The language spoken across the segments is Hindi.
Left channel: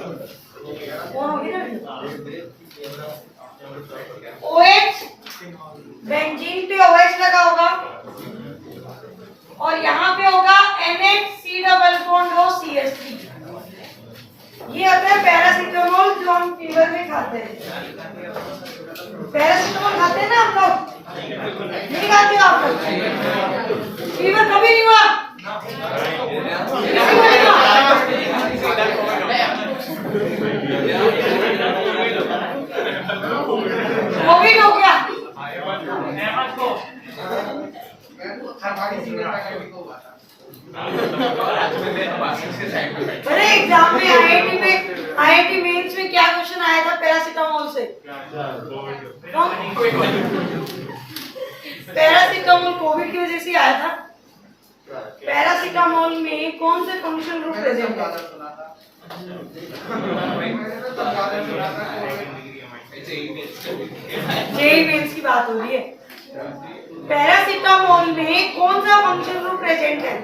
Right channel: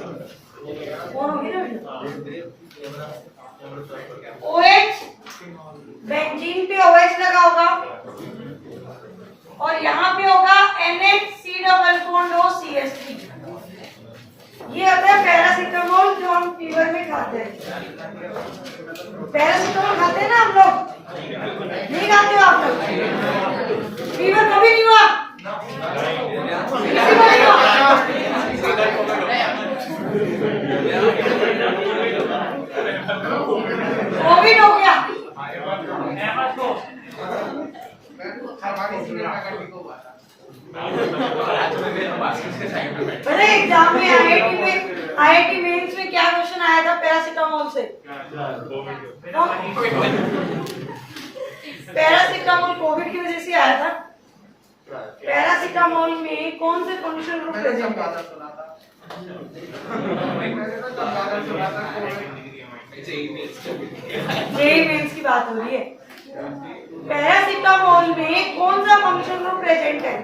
कौन होगी ना OH, बेंजीन पे OH लगा होगा और यहाँ पे होगा NH double bond O CH3। ये होता है पैरासीटामोल जो हम फीवर में खाते हैं। पैरासीटामोल खाते हैं ना हम लोग, नहीं खाते हो आप लोग? फीवर कभी नहीं हुआ किसी को नहीं हुआ? कोविड हो गया। अरे एग्जाम में IIT मेंस में क्या क्वेश्चन आया था पैरासीटामोल से? पैरासीटामोल कोविड की वजह से आया था। पैरासीटामोल में कौन से फंक्शनल ग्रुप प्रेजेंट है? जेई मेंस की बात हो रही है। पैरासीटामोल में कौन सा फंक्शनल ग्रुप प्रेजेंट है?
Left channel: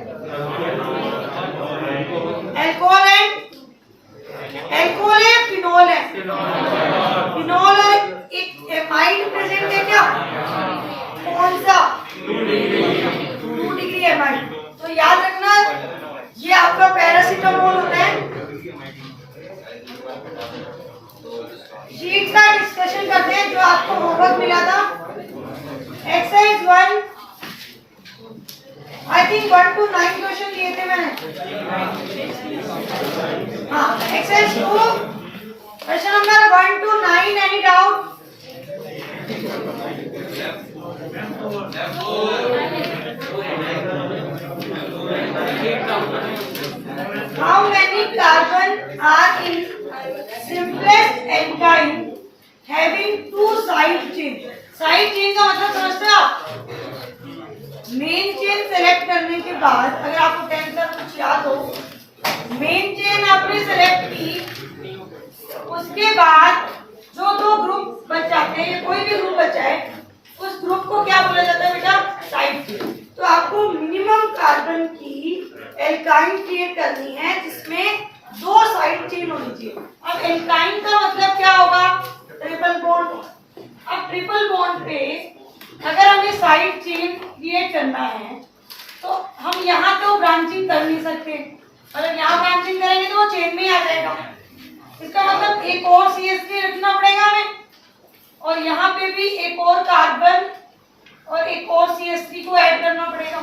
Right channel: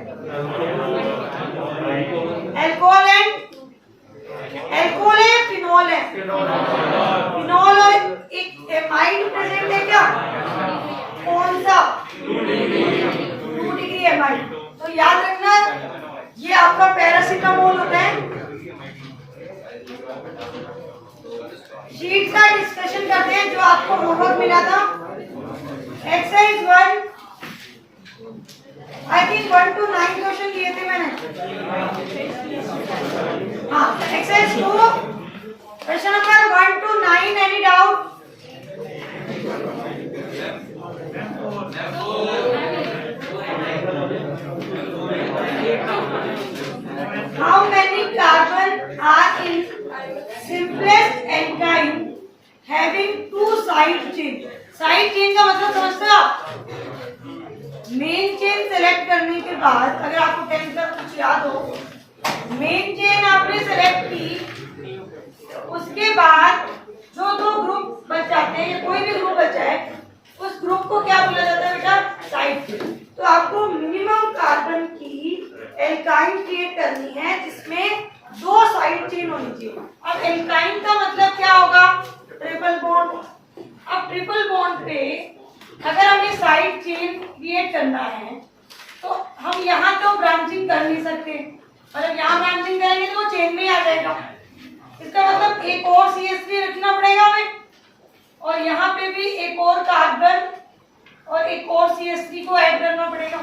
अल्कोहल है, फिनोल है। फिनोल और एक एमाइड प्रेजेंट है क्या? कौन सा? 2 डिग्री एमाइड। तो याद रखना ये आपका पैरासीटामोल होता है। शीट का डिस्कशन करते हैं जो आपको होमवर्क मिला था। Exercise 1 I think 1 to 9 question दिए थे मैंने। हाँ, exercise 2 question number 1 to 9। Any doubt? How many carbon are in simplest alkyne having 2 side chain? Side chain का मतलब समझते हो आप? मेन चेन सेलेक्ट करने के बाद अगर आपको 10th का कुछ याद हो, मेन चेन आपने सेलेक्ट की, उसके बाद जो 2 ग्रुप बच जाते हैं, कोई भी ग्रुप बचा है, उस ग्रुप को क्या बोला जाता है बेटा? Side chain. तो आपको मिनिमम कार्बन की एल्काइन क्रिएट करनी है जिसमें 2 साइड चेन होनी चाहिए। अब एल्काइन का मतलब क्या होगा? Triple bond. अब ट्रिपल बॉन्ड पे अगर हमें साइड चेन क्रिएट करना है तो हम यहाँ तो ब्रांचिंग कर नहीं सकते। अगर यहाँ ब्रांचिंग करेंगे तो वो चेन में आ जाएगा। इसका मतलब एक और CH3 रखना पड़ेगा हमें, और यहाँ पे भी एक और कार्बन और एक और CH3 को ऐड करना पड़ेगा।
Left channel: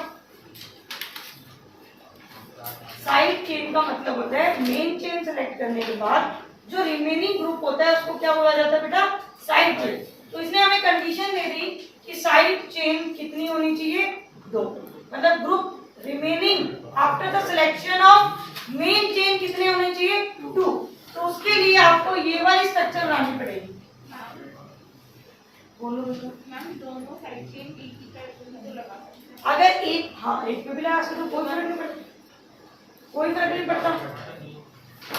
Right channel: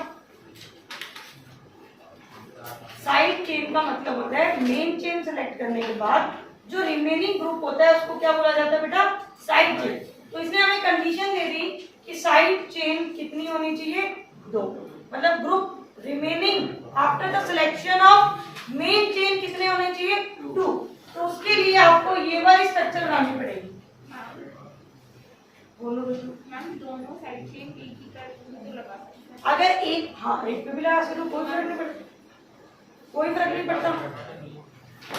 साइड चेन का मतलब होता है मेन चेन सेलेक्ट करने के बाद जो रिमेनिंग ग्रुप होता है उसको क्या बोला जाता है बेटा? Side chain. तो इसने हमें कंडीशन दे दी कि साइड चेन कितनी होनी चाहिए? 2। मतलब group remaining after the selection of main chain कितने होने चाहिए? 2। तो उसके लिए आपको ये वाली स्ट्रक्चर बनानी पड़ेगी। दोनों साइड चेन एक ही तरह अगर एक, हाँ एक पे भी लगा सकते कोई फर्क नहीं पड़ता, कोई फर्क नहीं पड़ता।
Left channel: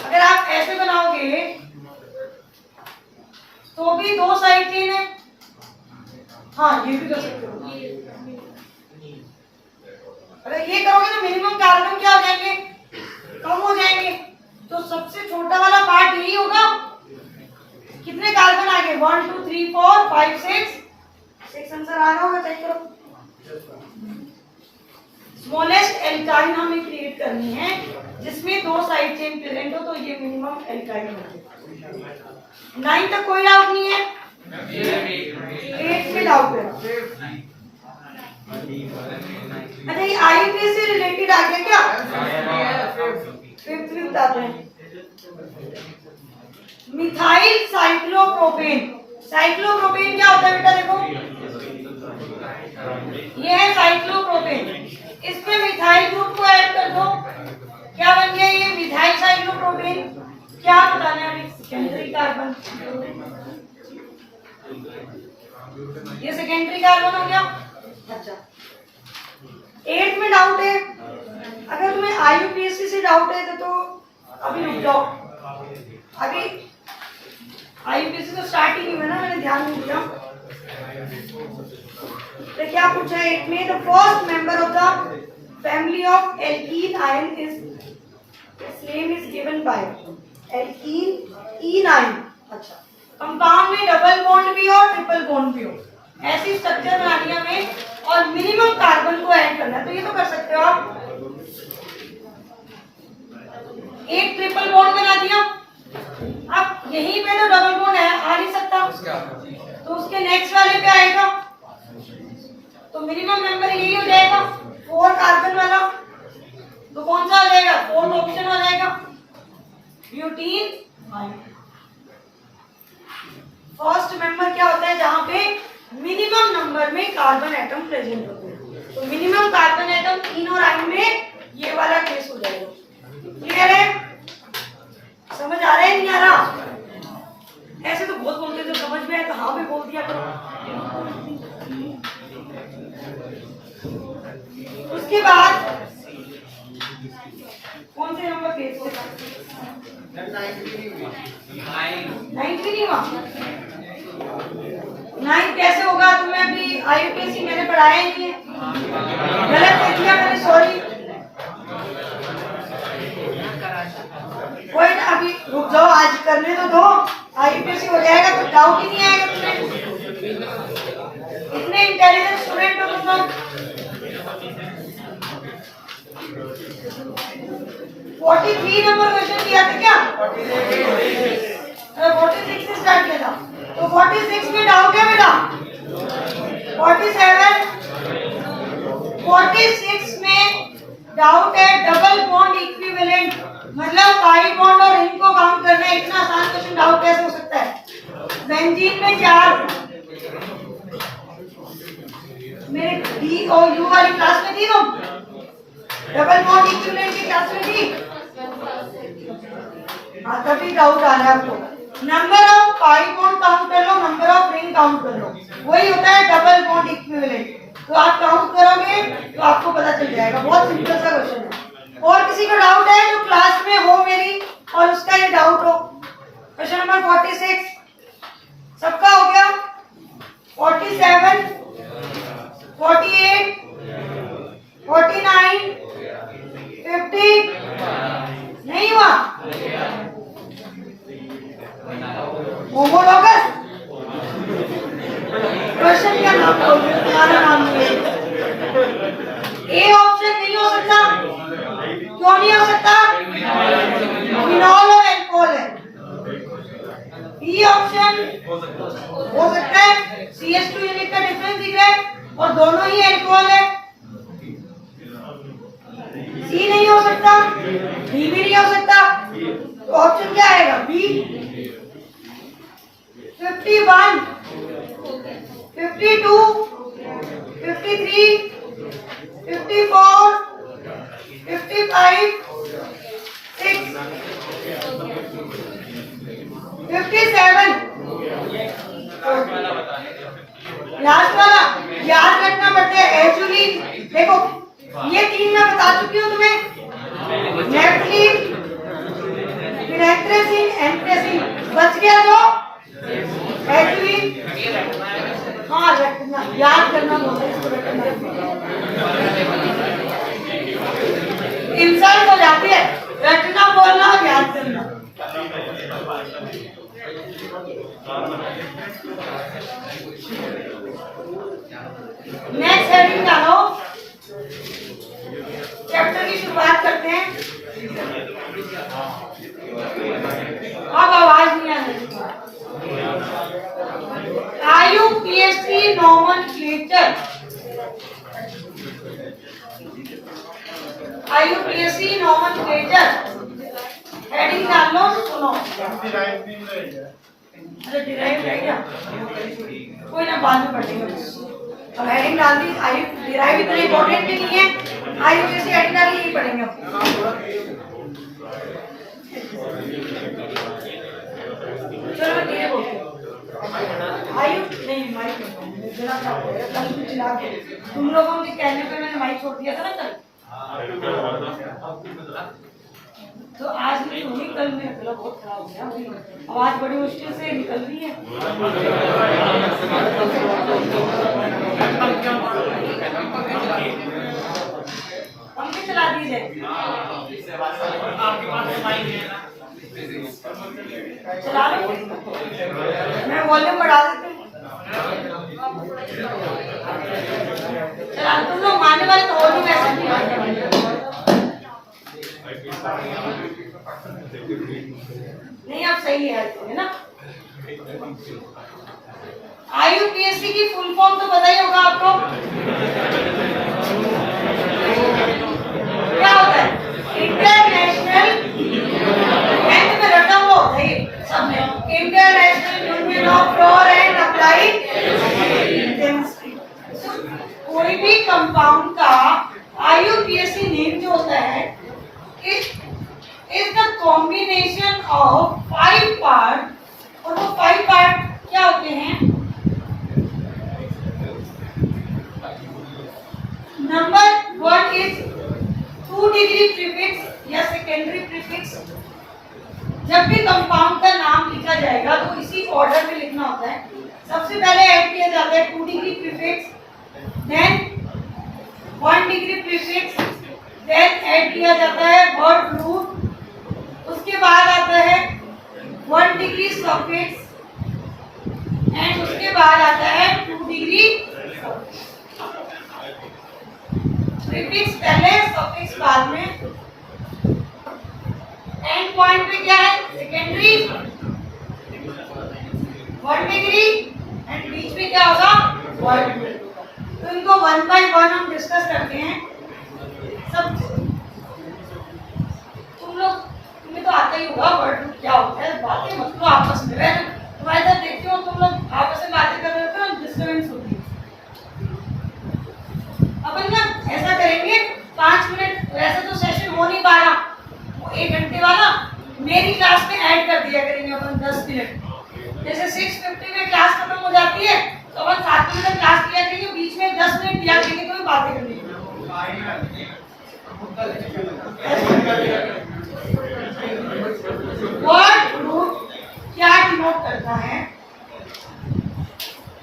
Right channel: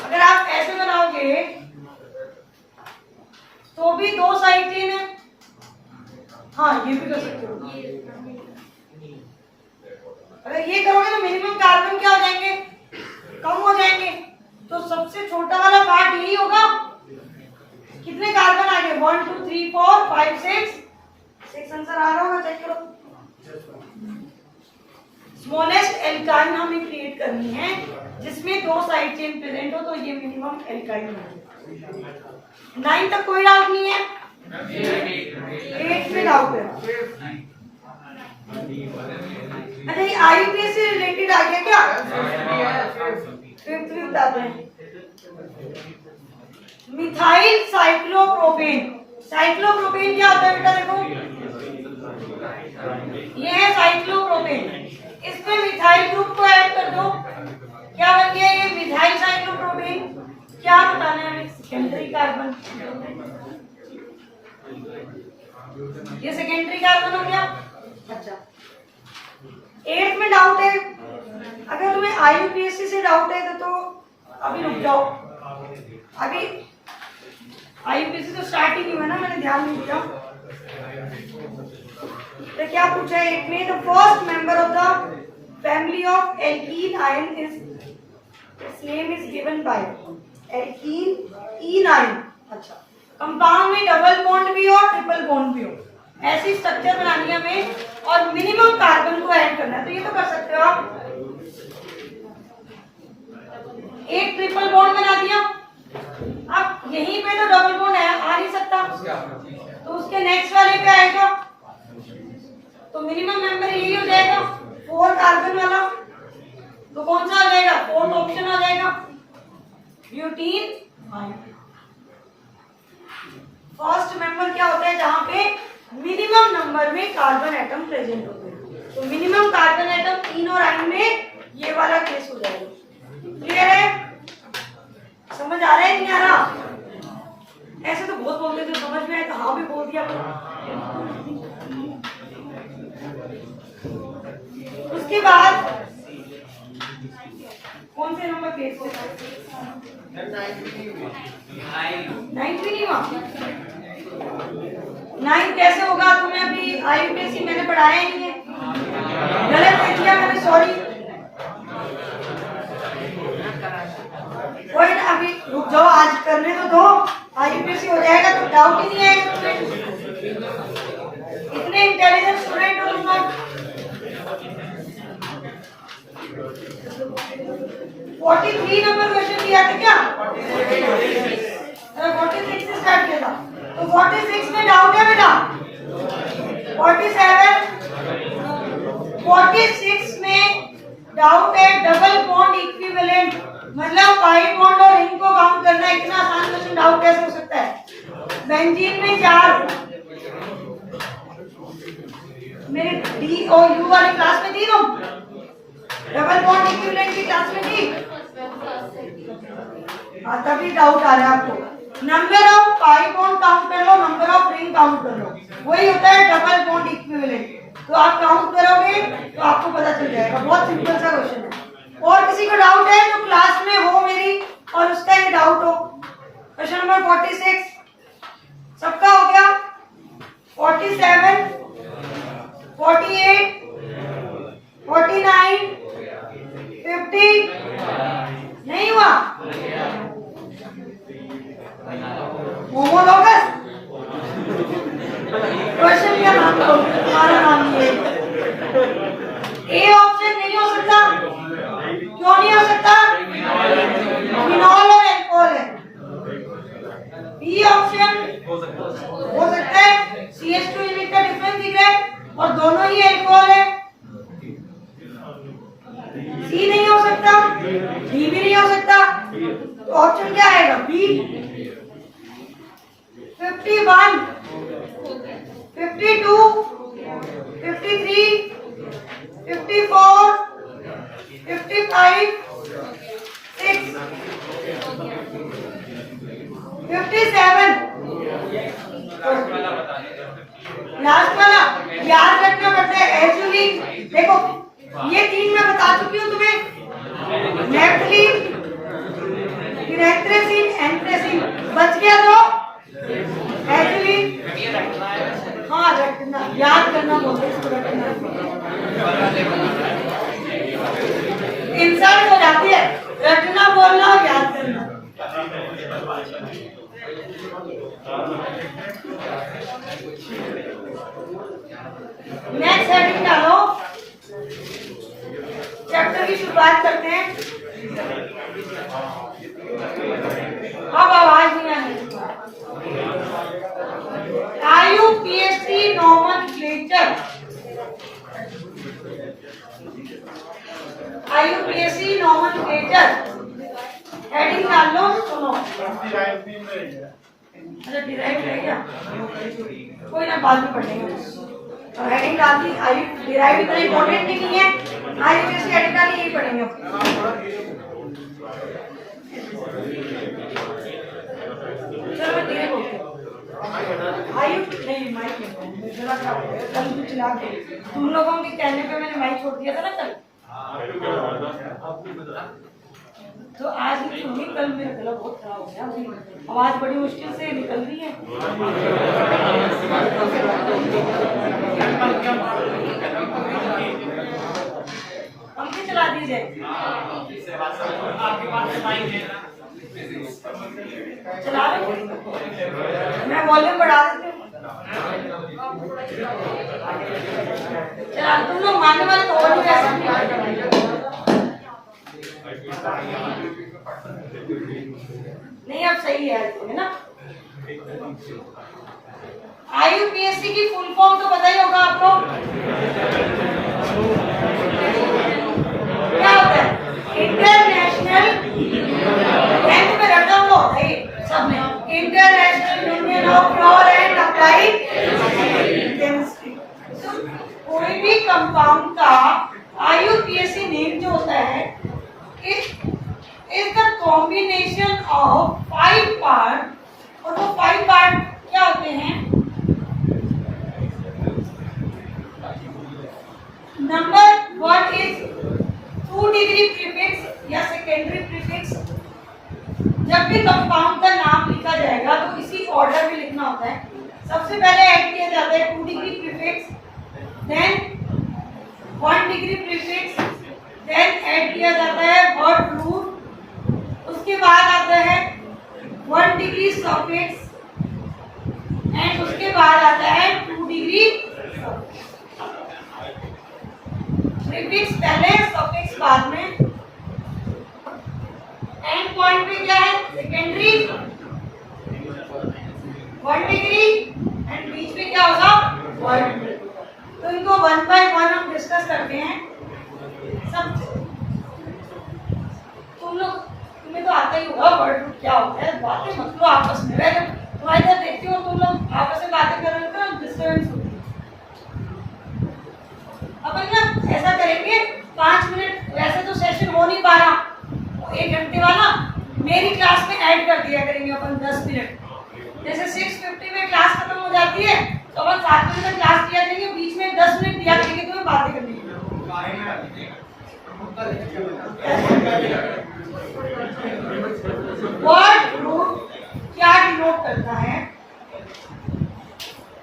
अगर आप ऐसे बनाओगे तो भी 2 साइड चेन है। हाँ ये भी कर सकते हो। अगर ये करोगे तो मिनिमम कार्बन क्या हो जाएंगे? कम हो जाएंगे। तो सबसे छोटा वाला पार्ट यही होगा। कितने कार्बन आ गए? 1 2 3 4 5 6 आंसर आ रहा होगा, चेक करो। स्मॉलेस्ट एल्काइन हमें क्रिएट करनी है जिसमें 2 साइड चेन प्रेजेंट हो, तो ये मिनिमम एल्काइन है। 9 तक कोई डाउट नहीं है? 8 पे डाउट है। अच्छा ये IUPAC से रिलेटेड आ गया क्या? 5th भी बताते हैं। Methyl cyclopropane. साइक्लोप्रोपेन क्या होता है बेटा? देखो ये है साइक्लोप्रोपेन। इसमें मिथाइल ग्रुप को ऐड कर दो, क्या बन गया ये? Methyl cyclopropane. क्या बताना है? Secondary carbon. ये सेकेंडरी कार्बन हो गया। अच्छा 8 में डाउट है। अगर तुम्हें IUPAC से डाउट है तो अभी रुक जाओ। अभी IUPAC तो स्टार्ट ही नहीं हुआ ना, मैंने ध्यान नहीं दिया। तो क्या पूछा है 8 में? The first member of the family of alkene ion is its name is given by alkene E9। अच्छा, कंपाउंड में डबल बॉन्ड भी हो, ट्रिपल बॉन्ड भी हो, ऐसी स्ट्रक्चर बनानी है हमें और मिनिमम कार्बन को ऐड करना है। तो ये तो कर सकते हो आप। एक ट्रिपल बॉन्ड बना दिया, अब यहीं पे तो डबल बॉन्ड है, आ नहीं सकता, तो उसके नेक्स्ट वाले पे आएगा, तो मिनिमम मेंबर यही हो जाएगा 4 कार्बन वाला। तो कौन सा हो जाएगा? 4th ऑप्शन हो जाएगा, ब्यूटीन। फर्स्ट मेंबर क्या होता है? जहां पे मिनिमम नंबर में कार्बन एटम प्रेजेंट होते हैं। तो मिनिमम कार्बन एटम इन और आइन में ये वाला केस हो जाएगा। क्लियर है? समझ आ रहा है नहीं आ रहा? ऐसे तो बहुत बोलते थे, समझ में आए तो हाँ भी बोल दिया करो। उसके बाद कौन से नंबर केस हो? 9 भी नहीं हुआ। 9 कैसे होगा? तुम्हें अभी IUPAC मैंने पढ़ाया ही नहीं है, गलत लिख दिया मैंने, सॉरी। कोई ना, अभी रुक जाओ, आज करने तो दो, IUPAC हो जाएगा तो डाउट ही नहीं आएगा तुम्हें। इतने इंटेलिजेंट स्टूडेंट हो तुम लोग। 43 नंबर क्वेश्चन किया था क्या? 46 से स्टार्ट किया था, तो 46 में डाउट है बेटा? 47, 46 में डाउट है। डबल बॉन्ड इक्विवेलेंट मतलब पाई बॉन्ड और रिंग को काउंट करना, इतना आसान क्वेश्चन डाउट कैसे हो सकता है? बेंजीन में 4, मेरे डी और यू वाली क्लास में दी तुम? डबल बॉन्ड इक्विवेलेंट की क्लास में दी? हाँ, तभी डाउट आ रहा है आपको। Number of pi bond count कर लो, नंबर ऑफ रिंग काउंट कर लो, वही होता है डबल बॉन्ड इक्विवेलेंट। तो आप काउंट करोगे तो आपको पता चल जाएगा। बहुत सिंपल सा क्वेश्चन है। और किसी को डाउट है जो क्लास में हो मेरी और उसका ये डाउट हो? क्वेश्चन नंबर 46 सबका हो गया। 47, 48, 49, 50 नहीं हुआ? होमोलॉगस क्वेश्चन क्या नाम बोलते हैं? तुम्हारा नाम ये ए ऑप्शन नहीं हो सकता। क्यों नहीं हो सकता? फिनॉल और अल्कोहल है। बी ऑप्शन हो सकता है, CH2 यूनिट का डिफरेंस दिख रहा है और दोनों ही अल्कोहल है। सी नहीं हो सकता, डी भी नहीं हो सकता, तो ऑप्शन क्या आएगा? बी। 51, 52, 53, 54, 55, 6, 57। लास्ट वाला याद रखना पड़ता है। एक्चुअली देखो, ये 3 मैं बता चुकी हूँ तुम्हें, नेफ्थलीन, पिरेथ्रेसिन, एंथ्रेसिन। बच गया जो एक्चुअली, हाँ रखना, याद करना बोलते हैं इसको, रखना इंसल्ट हो जाती है। रखना बोलना और याद करना। नेक्स्ट हेडिंग डालो, चैप्टर की शुरुआत करते हैं। अब आवाज नहीं आ रही। IUPAC nomenclature, IUPAC nomenclature heading डाल लो। सुनो, अच्छा डिराइव रह गया, कोई ना बाद में पढ़ेंगे। और हेडिंग डाल दी। डिराइव इतना इंपॉर्टेंट भी नहीं है, IUPAC हेडिंग डाली यही पढ़ेंगे। चलो मैं धीरे बोलती हूँ। नहीं माइक जरा सा कल भी चला के तुम लोगों के कहने पे मैंने माइक छोड़ दिया था ना कल, तो आज नहीं हुई, कल मेरा गला बहुत खराब हो गया, आवाज बड़ी मुश्किल से निकल रही है। पंखे चला दीजिए। चला लो। मैं वॉल्यूम बढ़ा देती हूँ। चला, तुम लोग मानने वाले तो और भी कैसे नहीं, अब सही है ना। IUPAC की फुल फॉर्म तो पता ही होगा आपको, क्या होता है? इंटरनेशनल, में रटा हुआ होता है सब में, international union of pure and applied chemistry. कोई भी कंपाउंड का IUPAC नेम जो होता है is the combination of 5 part, और वो 5 पार्ट क्या होते हैं? नंबर 1 इज 2 डिग्री प्रीफिक्स या सेकेंडरी प्रीफिक्स। जब भी कंपाउंड का नाम लिखा जाएगा तो इसी ऑर्डर में लिखना होता है। सबसे पहले ऐड किया जाता है 2 degree prefix, then 1 degree prefix, then add किया जाता है वर्ड रूट, उसके बाद आता है 1 डिग्री सफिक्स, एंड उसके बाद आता है 2 डिग्री प्रीफिक्स पहले, सफिक्स बाद में। एंड पॉइंट पे क्या है? सेकेंडरी 1 डिग्री, एंड बीच में क्या होगा? वर्ड। तो इनको 1 बाय 1 हम डिस्कस करते हैं। सब तुम्हें तो आता ही होगा वर्ड रूट क्या होता है। बातें मत लो आपस में, तुम्हारे इधर देखती हो तुम लोग आपस में बातें कर रहे होते हो, डिस्टर्बेंस होती है। अपन ना ऐसा करेंगे 5 मिनट, वैसे तो सेशन हो नहीं पा रहा, 1 घंटे वाला मेरी क्लास में ऐड कर दिया करेंगे अपन 10 मिनट। जैसे 6:50 में क्लास खत्म हो जाती है तो अपन 7 मिनट क्लास किया करेंगे, बीच में 10 मिनट दिया करेंगे तुम्हें बातें करनी है। वर्ड रूट क्या डिनोट करता है?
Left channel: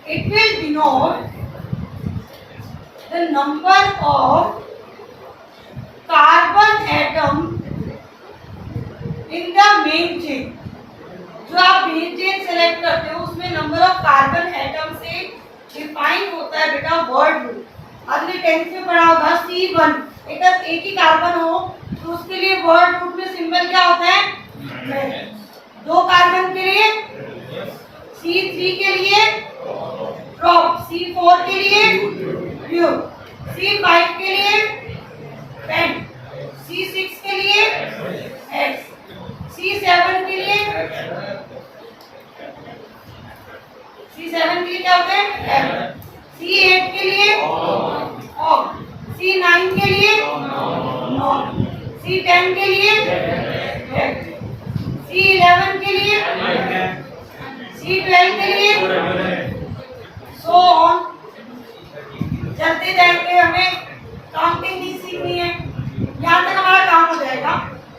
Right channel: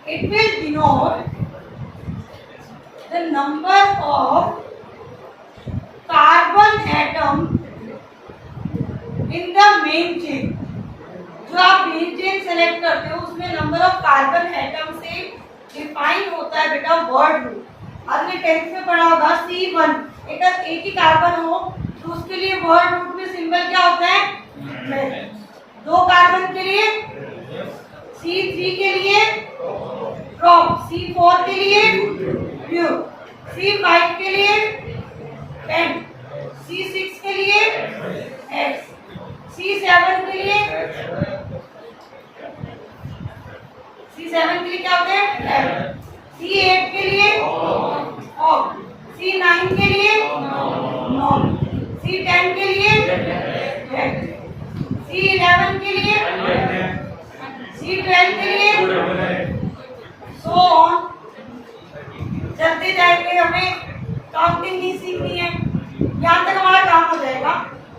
It will denote the number of carbon atom in the main chain. जो आप मेन चेन सेलेक्ट करते हो उसमें नंबर ऑफ कार्बन एटम से डिफाइन होता है बेटा वर्ड रूट। आपने 10th में पढ़ा होगा C1, एक ही कार्बन हो तो उसके लिए वर्ड रूट में सिंबल क्या होता है? 2 कार्बन के लिए C3 के लिए ड्रॉप, C4 के लिए प्योर, C5 के लिए पेंट, C6 के लिए X, C7 के लिए क्या होता है? C8 के लिए ऑफ, C9 के लिए नॉन, C10 के लिए C11 के लिए, C12 के लिए, सो ऑन। चलते जाएंगे, हमें काउंटिंग नहीं सीखनी है, यहाँ तक हमारा काम हो जाएगा।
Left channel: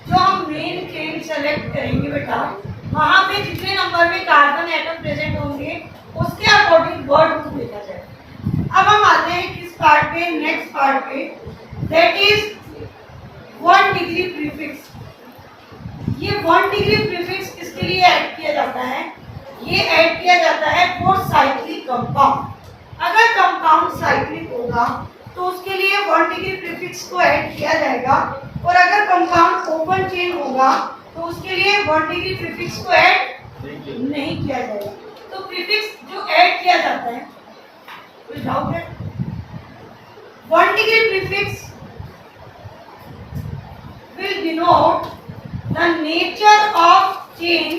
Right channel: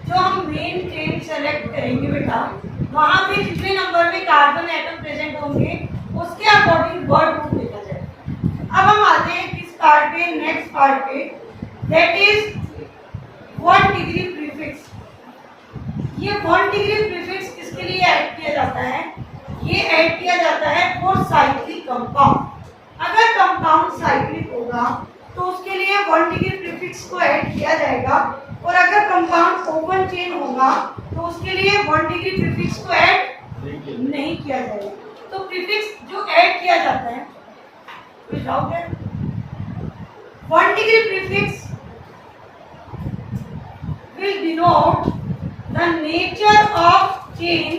जो हम मेन चेन सेलेक्ट करेंगे बेटा, वहाँ पे जितने नंबर में कार्बन एटम प्रेजेंट होंगे उसके अकॉर्डिंग वर्ड रूट लिखा जाएगा। अब हम आते हैं किस पार्ट पे? नेक्स्ट पार्ट पे, दैट इज 1 डिग्री प्रीफिक्स। ये 1 डिग्री प्रीफिक्स किसके लिए ऐड किया जाता है? ये ऐड किया जाता है फॉर साइक्लिक कंपाउंड। अगर कंपाउंड साइक्लिक होगा तो उसके लिए 1 डिग्री प्रीफिक्स को ऐड किया जाएगा, और अगर कंपाउंड ओपन चेन होगा तो उसके लिए 1 डिग्री प्रीफिक्स को ऐड नहीं किया जाएगा। तो प्रीफिक्स जो ऐड किया जाता है, कोई डाउट है? 1 degree prefix will denote the nature of chain।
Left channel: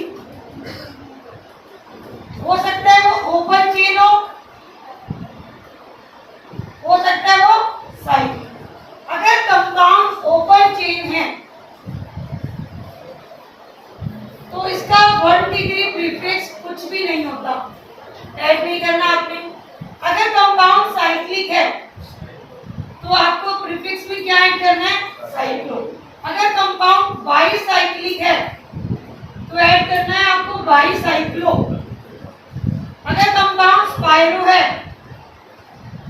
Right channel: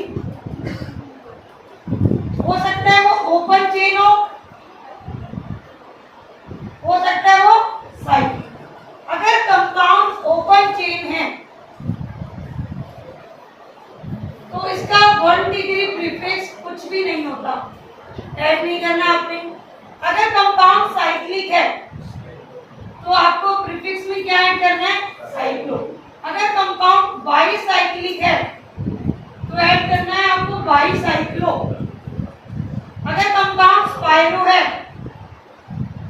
हो सकता है वो ओपन चेन हो सकता है वो साइड। अगर कंपाउंड ओपन चेन है तो इसका 1 डिग्री प्रीफिक्स कुछ भी नहीं होता, ऐड नहीं करना आपने। अगर कंपाउंड साइक्लिक है तो आपको प्रीफिक्स में क्या ऐड करना है? साइक्लो। अगर कंपाउंड बाईसाइक्लिक है तो ऐड करना है आपको बाईसाइक्लो। अगर कंपाउंड स्पाइरो है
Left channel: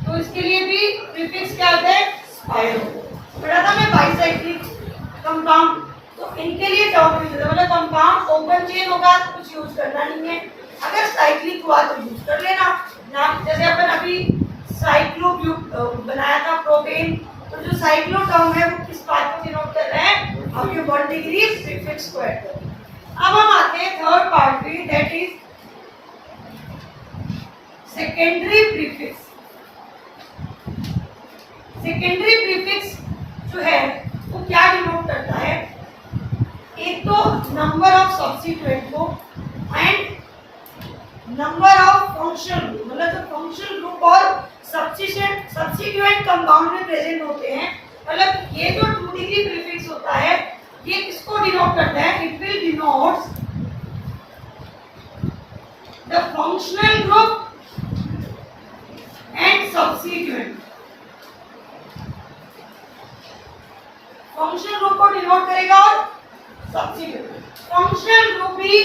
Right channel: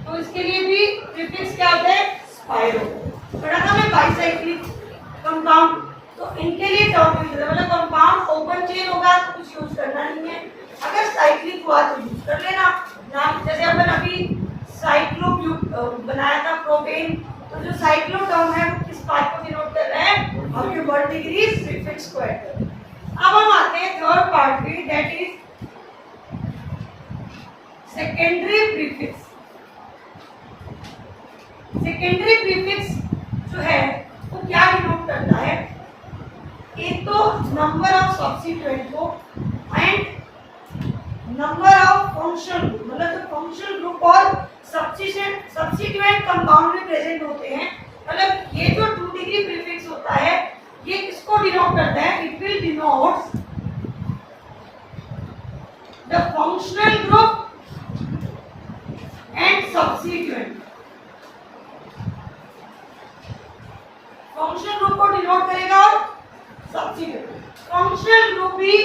तो इसके लिए भी प्रीफिक्स क्या होता है? स्पाइरो। पढ़ा था मैं बाईसाइक्लिक कंपाउंड, तो तो इनके लिए टर्म यूज है, मतलब कंपाउंड ओपन चेन होगा तो कुछ यूज करना नहीं है, अगर साइक्लिक हुआ तो यूज कर लेना ना। जैसे अपन अभी साइक्लोब्यूट बनाया था प्रोपेन, तो जो साइक्लो टर्म है वो किस बात को डिनोट कर रहा है, आपके 1 डिग्री प्रीफिक्स को ऐड कर। अब हम आते हैं थर्ड पार्ट पे, that is secondary prefix. Secondary prefix जो है वो क्या डिनोट करता है, एक तो नंबर ऑफ सब्स्टिट्यूएंट को and number of functional group, मतलब जो फंक्शनल ग्रुप और सब्स्टिट्यूएंट कंपाउंड में प्रेजेंट होते हैं, मतलब ये जो 2 डिग्री प्रीफिक्स होता है ये किसको डिनोट करता है, it will denotes the functional group and substituent. Functional group को डिनोट करेगा और सब्स्टिट्यूएंट। फंक्शनल ग्रुप भी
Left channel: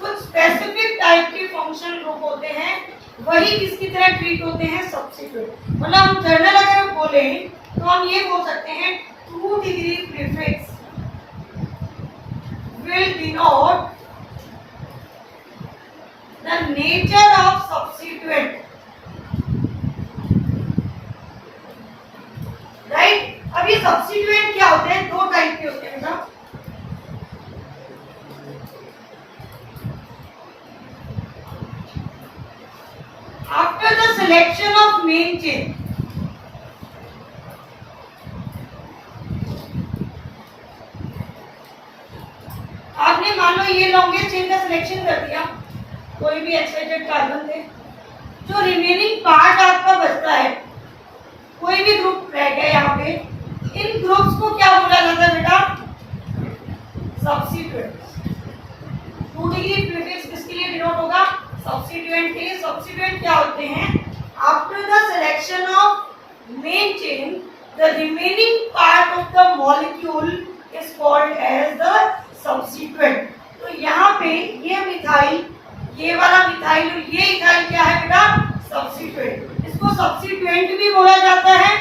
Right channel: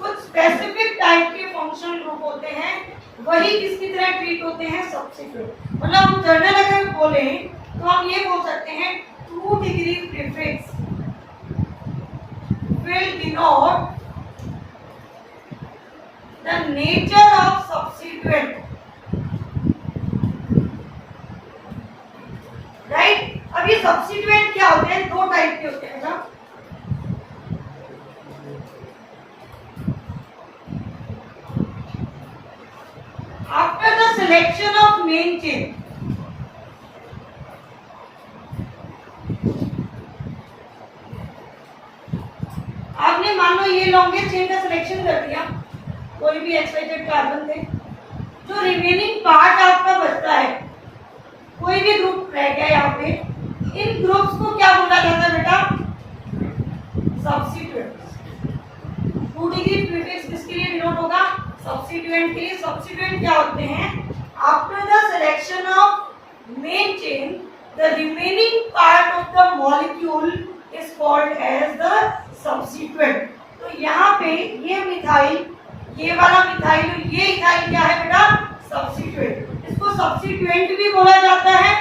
कुछ स्पेसिफिक टाइप के फंक्शनल ग्रुप होते हैं, वही किसकी तरह ट्रीट होते हैं, सब्स्टिट्यूएंट। मतलब हम जर्नल अगर बोले तो हम ये बोल सकते हैं 2 degree prefix will denote the nature of substituent, right? अभी सब्स्टिट्यूएंट क्या होते हैं, 2 टाइप के होते हैं ना। After the selection of main chain, आपने मान लो ये लॉन्गेस्ट चेन का सिलेक्शन कर दिया, कोई भी एक्सवाइजेड कार्बन थे, जो रिमेनिंग पार्ट आपका बचता है, कोई भी ग्रुप रह गया यहाँ पे, इन ग्रुप्स को क्या बोला जाता है बेटा, सब्स्टिट्यूएंट। 2 डिग्री प्रीफिक्स किसके लिए डिनोट होगा, सब्स्टिट्यूएंट के लिए। सब्स्टिट्यूएंट क्या होते हैं, after the selection of main chain the remaining part of the molecule is called as the substituent. तो यहाँ पे ये मिथाइल, ये वाला मिथाइल और ये इथाइल क्या है बेटा, सब्स्टिट्यूएंट। इसको सब्स्टिट्यूएंट भी बोला जाता है,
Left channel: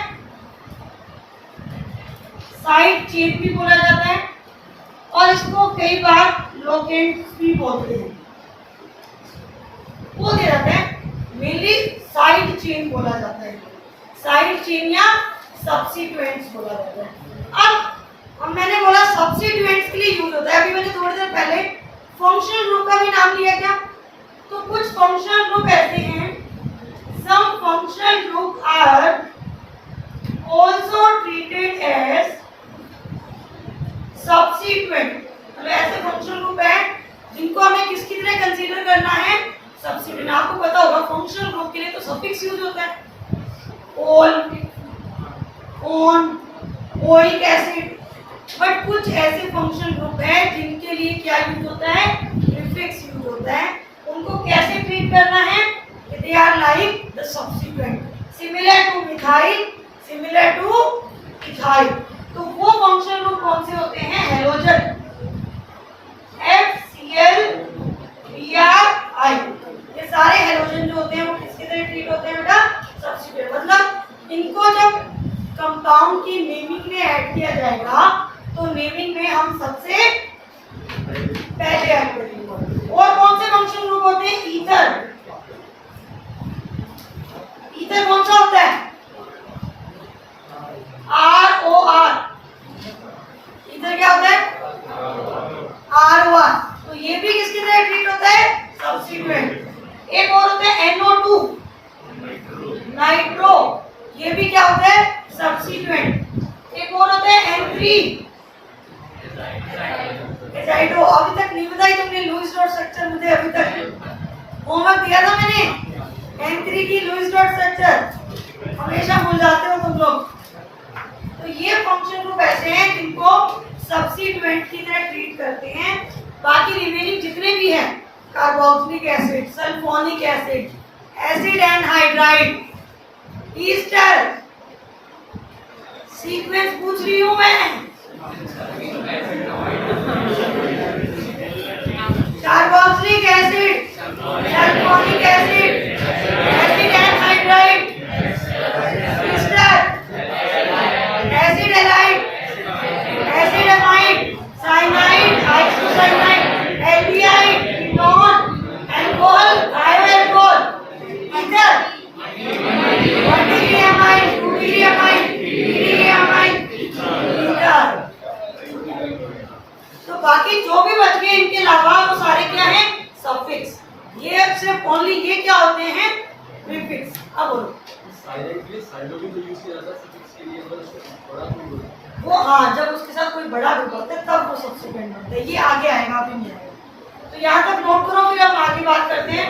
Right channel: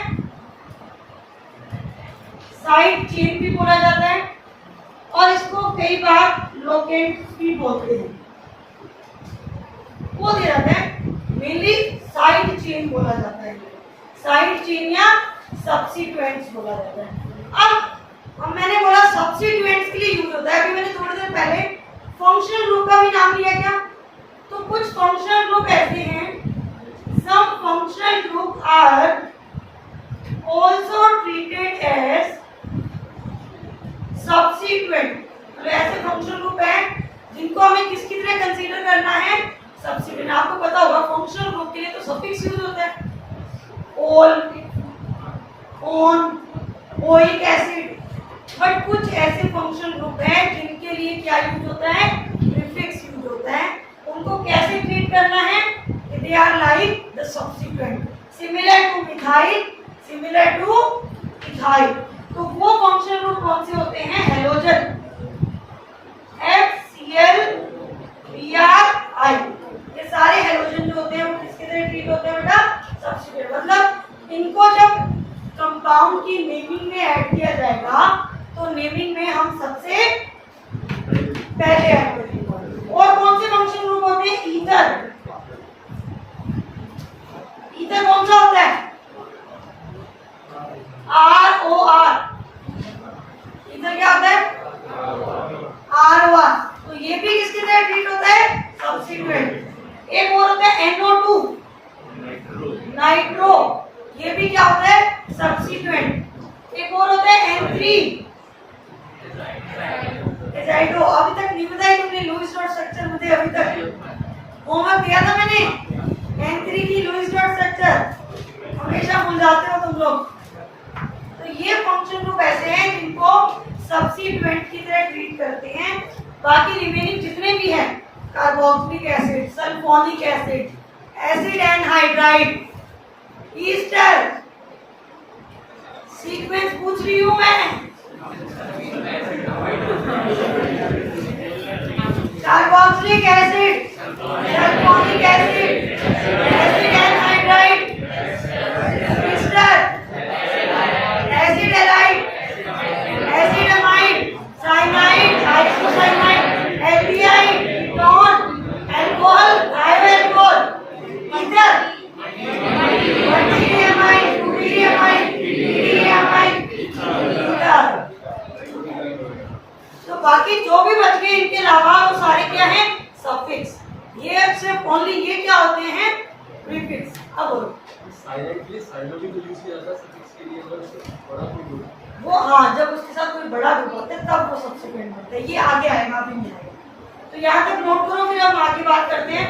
साइड चेन भी बोला जाता है, और इसको कई बार लोकेंट भी बोलते हैं। वो दे जाता है मेनली साइड चेन बोला जाता है, साइड चेन या सब्स्टिट्यूएंट्स बोला जाता है। अब मैंने बोला सब्स्टिट्यूएंट्स के लिए यूज होता है, अभी मैंने थोड़ी देर पहले फंक्शनल ग्रुप का भी नाम लिया क्या, तो कुछ फंक्शनल ग्रुप ऐसे हैं, some functional group are also treated as substituent. मतलब ऐसे फंक्शनल ग्रुप है जिनको हमें किसकी तरह कंसीडर करना है, सब्स्टिट्यूएंट। आपको पता होगा फंक्शनल ग्रुप के लिए तो सफिक्स यूज होता है, ओल, ओन, ओइक एसिड, बट कुछ ऐसे फंक्शनल ग्रुप है जिनके लिए क्या यूज होता है, प्रीफिक्स यूज होता है। उनको कैसे ट्रीट करना है, they are like the substituent, similar to methyl, similar to ethyl. तो वो फंक्शनल ग्रुप कौन से होते हैं, हैलोजन, FCl BrI। ये सारे हैलोजन जो होते हैं वो किसके तरह ट्रीट होते हैं बेटा, सब्स्टिट्यूएंट। मतलब इनको जब कंपाउंड की नेमिंग में ऐड किया जाएगा तो नेमिंग में हम सबसे पहले ऐड करेंगे। और कौन से फंक्शनल ग्रुप होते हैं, ईथर। ईथर कौन सा होता है, ROR। ईथर क्या होता है, ROR। तो ये भी किसकी तरह ट्रीट होता है, सब्स्टिट्यूएंट। एक और होता है NO2, नाइट्रो, ये भी क्या होता है, सब्स्टिट्यूएंट। एक और होता है N3, एजाइडो। अभी तक नहीं बताई तुमने लुईस डॉट स्ट्रक्चर, मुझे अभी तक होमवर्क दिया था मैंने, N3 की लुईस डॉट स्ट्रक्चर हमेशा भूल जाते हो तुम लोग। तो ये फंक्शन ग्रुप ऐसे हैं जिनको सब्स्टिट्यूएंट की तरह ट्रीट करते हैं। बाकी रिमेनिंग जितने भी हैं, carboxylic acid, sulphonic acid, acid anhydride, Easter, sequence पूछ रही हूं मैं, carboxylic acid, sulphonic acid, acid anhydride, Easter, acid halide, acid amide, cyanide, तो बाकी जो भी बच गए इनके अलावा वो सारे क्या हैं? सफिक्स। ये सिर्फ ओनली ये क्या होते हैं? प्रीफिक्स। अब बोलो। साइलेंट के लिए साइलो भी तो यूज किया जाता है सफिक्स के लिए, मतलब बड़ा कोई बोल। वो हाँ, जब उसके साथ कोई बड़ा रूप होता है तब वो सब्सिक्वेंट बनता है। ये आगे आएगा, अभी नहीं आएगा। तो यहाँ तक नोट करो, फिर हम आगे बात करते हैं।